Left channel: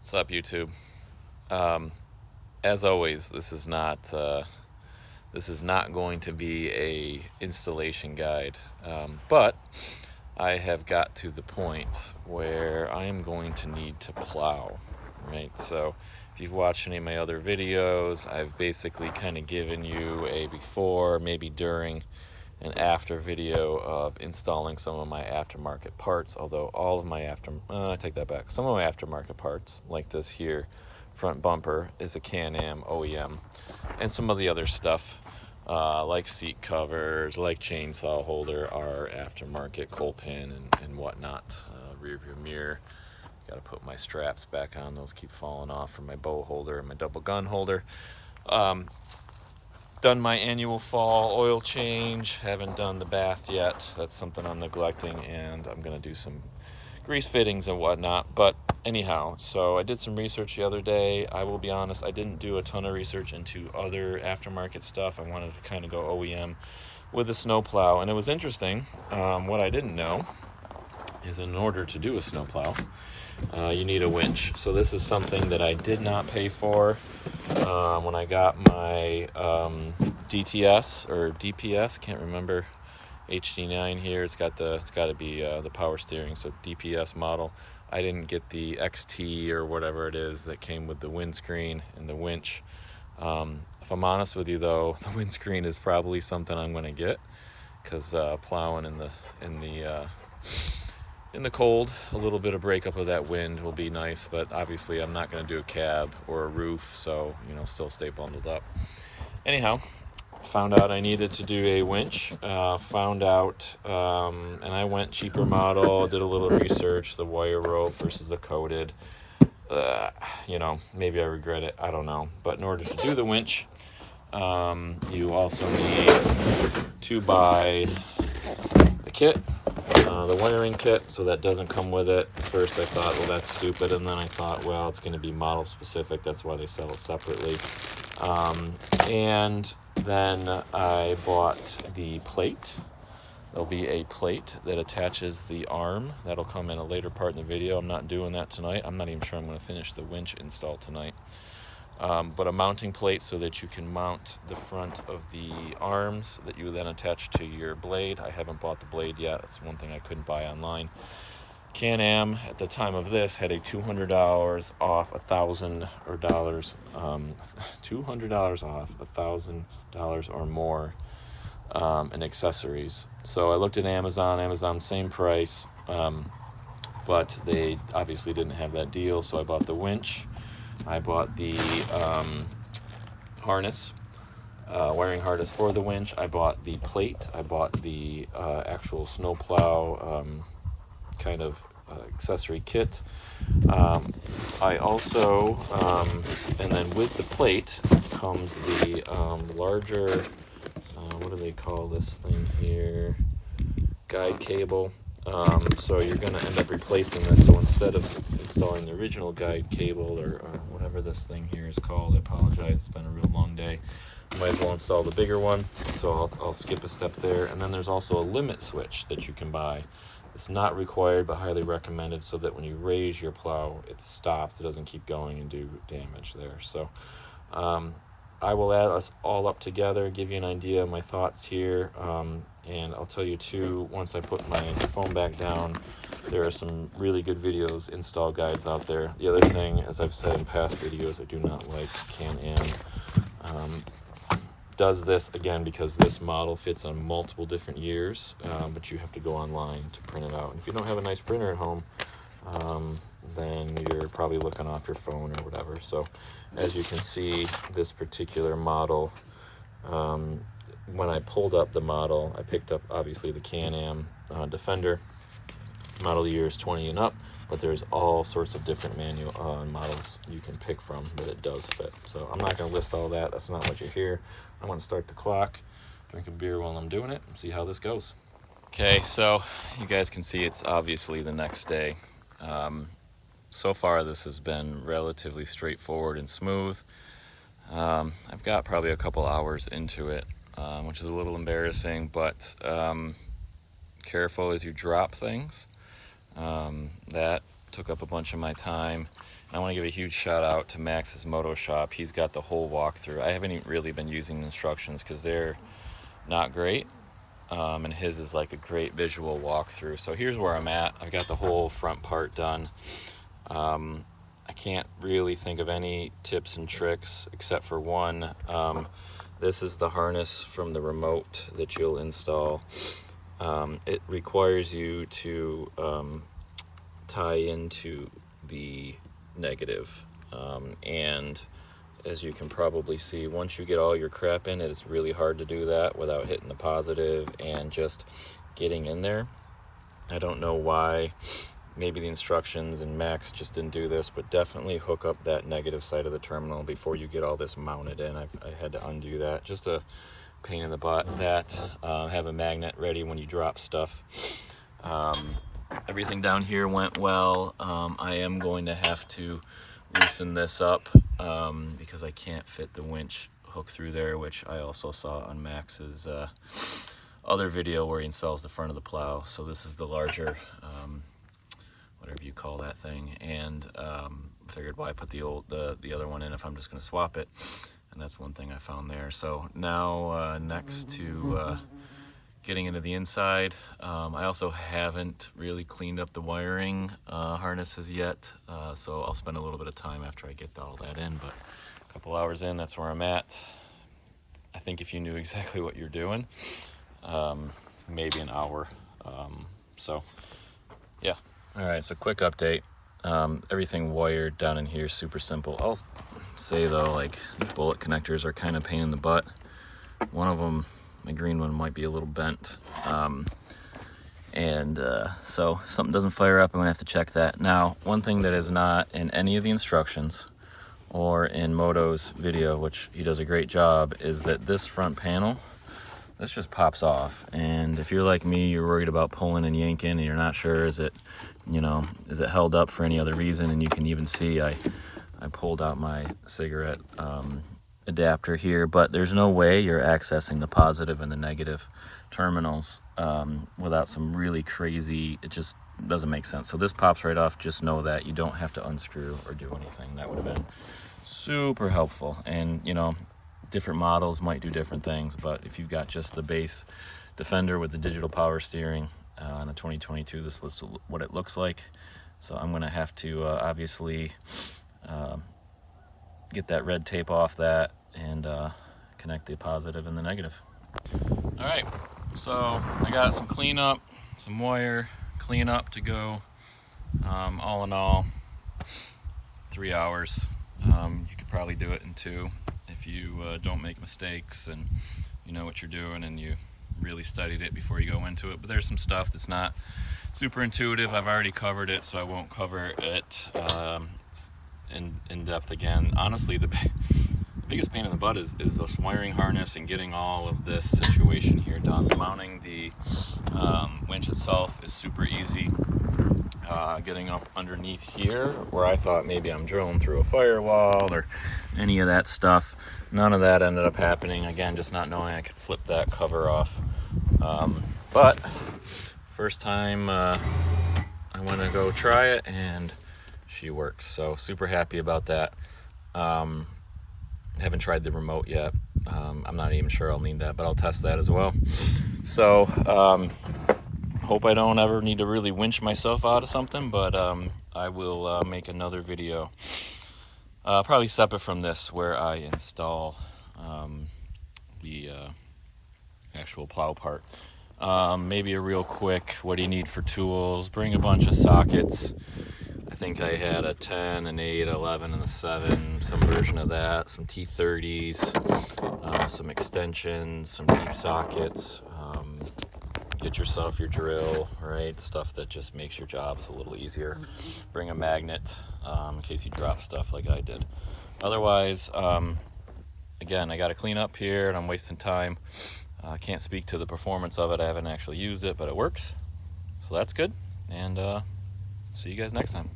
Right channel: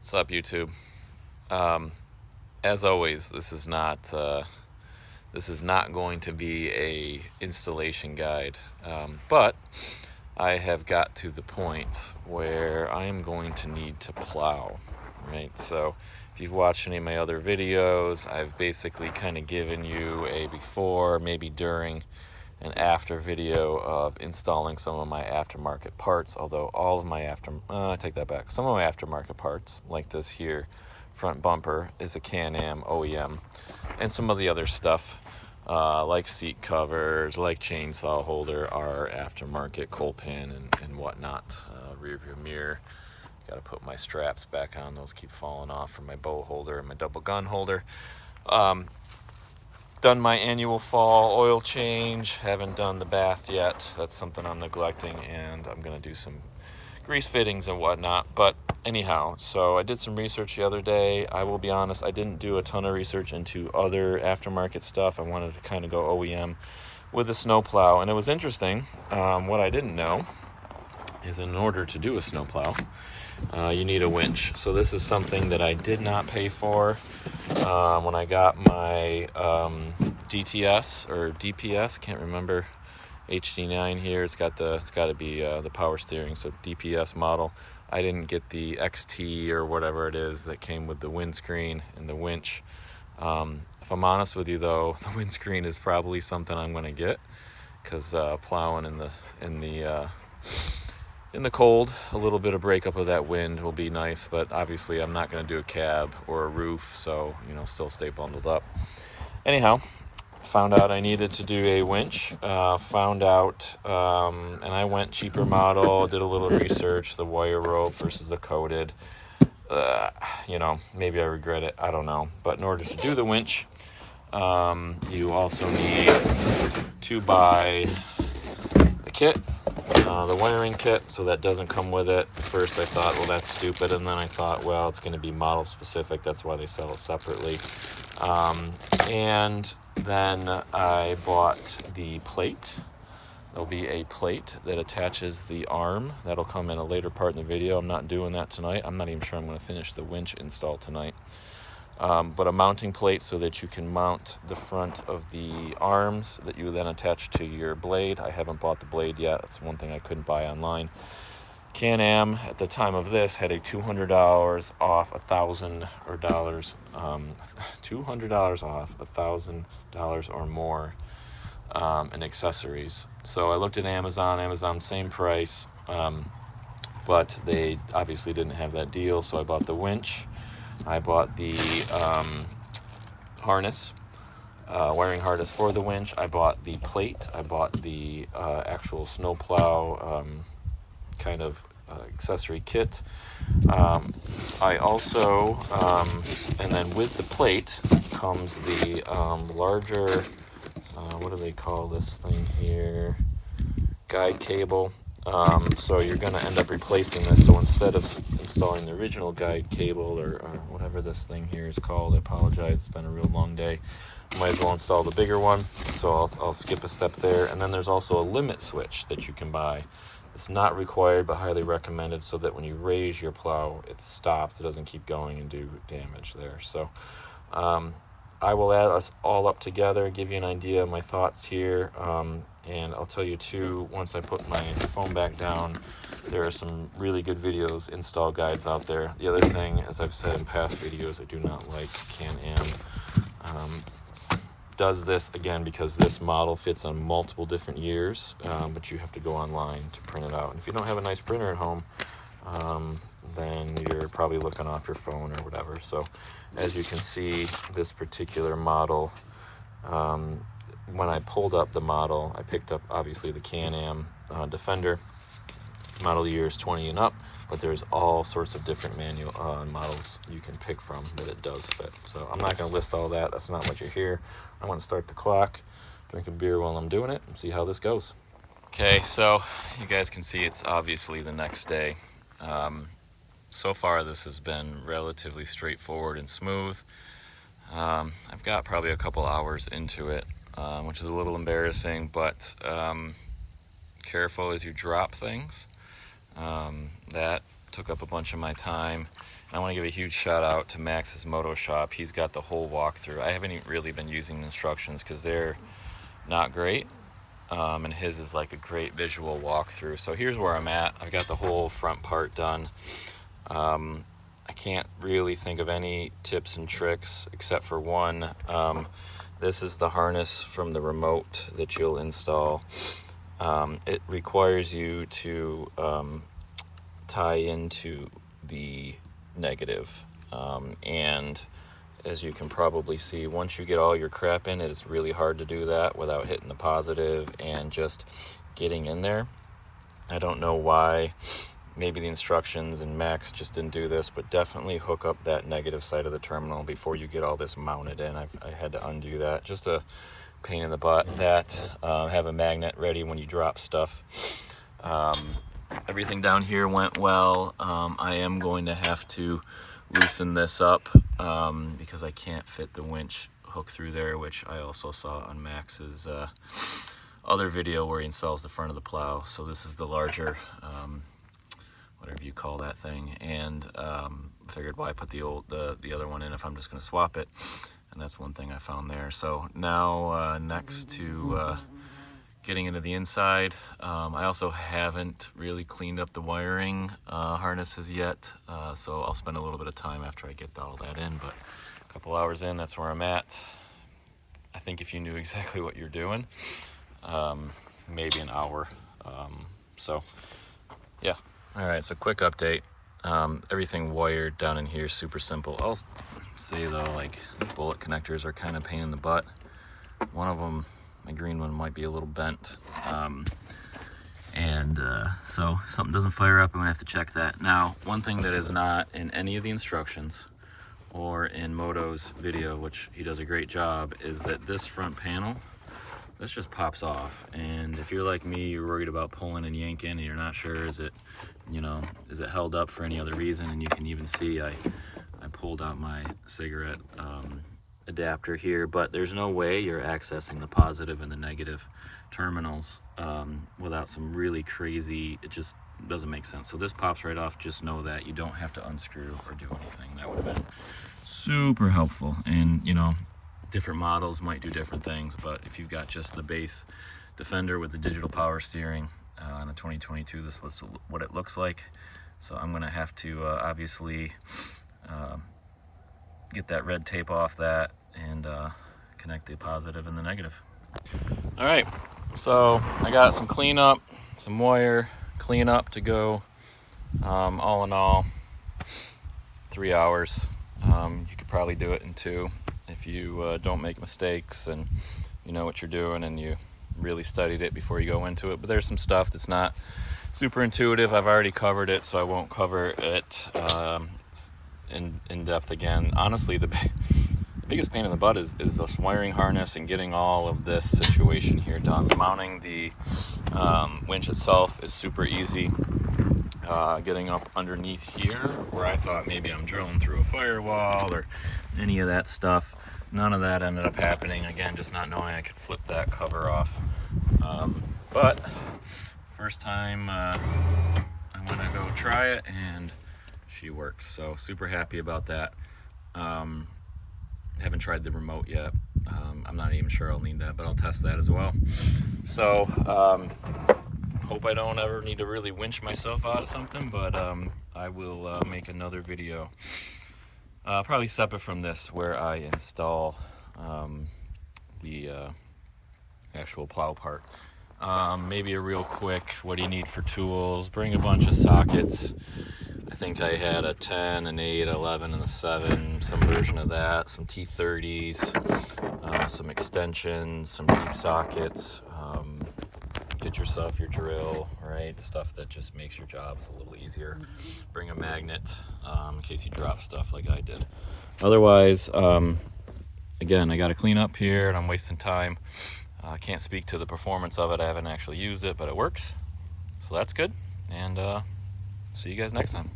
What's up, YouTube? As always, this is not going to be a installation guide, but I have got to the point where I am going to need to plow. Right, so if you've watched any of my other videos, I've basically kind of given you a before, maybe during, and after video of installing some of my aftermarket parts. Although all of my I take that back. Some of my aftermarket parts, like this here front bumper, is a CanAm OEM, and some of the other stuff, like seat covers, like chainsaw holder, are aftermarket, coal pin and whatnot. Rear view mirror. Got to put my straps back on. Those keep falling off from my bow holder and my double gun holder. Done my annual fall oil change. Haven't done the bath yet. That's something I'm neglecting, and I'm going to do some grease fittings and whatnot. But anyhow, so I did some research the other day. I will be honest, I didn't do a ton of research into other aftermarket stuff. I wanted to kind of go OEM with a snowplow, and it was interesting. What I didn't know is in order to do a snowplow, you need a winch. So this is something that I did not pay for when I got my DTS or DPS, can't remember, HD9 here. It's got to be the power steering, so DPS model. I didn't get the XT or whatever it is that came with the windscreen and the winch. If I'm honest with you, though, the windscreen is probably something I'm going to get, because plowing in the cold, a little bit of breakup of that wind will be nice, but obviously I'm not going to do a cab or a roof, so, still stay bundled up. Anyhow, found out I needed to do a winch, and I went cheaper model, did a little research, the wire rope versus the coated. Maybe I regret it, I don't know. But in order to do the winch, you also need to buy the kit. The wiring kit, so that doesn't come with it. At first I thought, well, that's stupid, and then I thought, well, it's going to be model specific, that's why they sell it separately. And then I bought the plate. There'll be a plate that attaches the arm. That'll come in a later part in the video. I'm not doing that tonight. I'm not even sure I'm going to finish the winch install tonight. But a mounting plate so that you can mount the front of the arms that you then attach to your blade. I haven't bought the blade yet. That's one thing I couldn't buy online. CanAm at the time of this had a $200 off $200 off $1,000 or more in accessories. So I looked at Amazon, same price, but they obviously didn't have that deal. So I bought the winch. I bought the harness, wiring harness for the winch. I bought the plate. I bought the actual snowplow kind of accessory kit. I also, and then with the plate comes the larger, what do they call this thing here? Guide cable. So you're going to end up replacing this. So instead of installing the original guide cable or whatever this thing here is called, I apologize, it's been a real long day. I might as well install the bigger one. So I'll skip a step there. And then there's also a limit switch that you can buy. It's not required but highly recommended, so that when you raise your plow, it stops. It doesn't keep going and do damage there. So I will add us all up together, give you an idea of my thoughts here, and I'll tell you too, once I put my phone back down, there are some really good videos, install guides out there. The other thing, as I've said in past videos, I do not like CanAm. Does this, again, because this model fits on multiple different years, but you have to go online to print it out. And if you don't have a nice printer at home, then you're probably looking off your phone or whatever. So as you can see, this particular model, when I pulled up the model, I picked up obviously the CanAm Defender. Model year is 20 and up, but there's all sorts of different manual models you can pick from that it does fit. So I'm not going to list all that. That's not what you're here. I want to start the clock, drink a beer while I'm doing it, and see how this goes. Okay, so you guys can see it's obviously the next day. So far this has been relatively straightforward and smooth. I've got probably a couple hours into it, which is a little embarrassing, but careful as you drop things. That took up a bunch of my time. I want to give a huge shout out to Max's Moto Shop. He's got the whole walkthrough. I haven't really been using the instructions because they're not great, and his is like a great visual walkthrough. So here's where I'm at. I got the whole front part done. I can't really think of any tips and tricks except for one. This is the harness from the remote that you'll install. It requires you to tie into the negative, and as you can probably see, once you get all your crap in, it's really hard to do that without hitting the positive and just getting in there. I don't know why. Maybe the instructions and Max just didn't do this, but definitely hook up that negative side of the terminal before you get all this mounted in. I had to undo that. Just a pain in the butt. Have a magnet ready when you drop stuff. Everything down here went well. I am going to have to loosen this up because I can't fit the winch hook through there, which I also saw on Max's other video where he installs the front of the plow. So this is the larger, whatever you call that thing, and figured why put the other one in if I'm just going to swap it. And that's one thing I found there. So now next to getting into the inside, I also haven't really cleaned up the wiring harnesses yet, so I'll spend a little bit of time after I get all that in, but a couple hours in, that's where I'm at. I think if you knew exactly what you're doing, maybe an hour. So yeah. All right, so quick update. Everything wired down in here, super simple. I'll say though, like, these bullet connectors are kind of a pain in the butt. One of them, my green one, might be a little bent, so if something doesn't fire up, I'm gonna have to check that. Now, one thing that is not in any of the instructions or in Moto's video, which he does a great job, is that this front panel, this just pops off. And if you're like me, you're worried about pulling and yanking and you're not sure, is it held up for any other reason? And you can even see I pulled out my cigarette adapter here, but there's no way you're accessing the positive and the negative terminals without some really crazy, it just doesn't make sense. So this pops right off. Just know that you don't have to unscrew or do anything. That would have been super helpful. And different models might do different things, but if you've got just the base Defender with the digital power steering on a 2022, this was what it looks like. So I'm gonna have to obviously get that red tape off that and connect the positive and the negative. All right, so I got some cleanup, some wire cleanup to go. All in all, 3 hours. You could probably do it in 2 if you don't make mistakes and you know what you're doing and you really studied it before you go into it. But there's some stuff that's not super intuitive. I've already covered it, so I won't cover it in depth again. Honestly, the biggest pain in the butt is this wiring harness and getting all of this situation here done. Mounting the winch itself is super easy. Getting up underneath here, where I thought maybe I'm drilling through a firewall or any of that stuff, none of that ended up happening. Again, just not knowing I could flip that cover off. But first time I'm gonna go try it, and she works, so super happy about that. Haven't tried the remote yet. I'm not even sure I'll need that, but I'll test that as well. So hope I don't ever need to really winch myself out of something, but I will make another video, probably separate from this, where I install the actual plow part. Maybe a real quick, what do you need for tools? Bring a bunch of sockets. I think I had a 10, an 8, 11, and a 7, some version of that, some T30s, some extensions, some deep sockets. Get yourself your drill, right? Stuff that just makes your jobs a little easier. Bring a magnet in case you drop stuff like I did. Otherwise, again, I got to clean up here and I'm wasting time. I can't speak to the performance of it. I haven't actually used it, but it works. So that's good. And see you guys next time.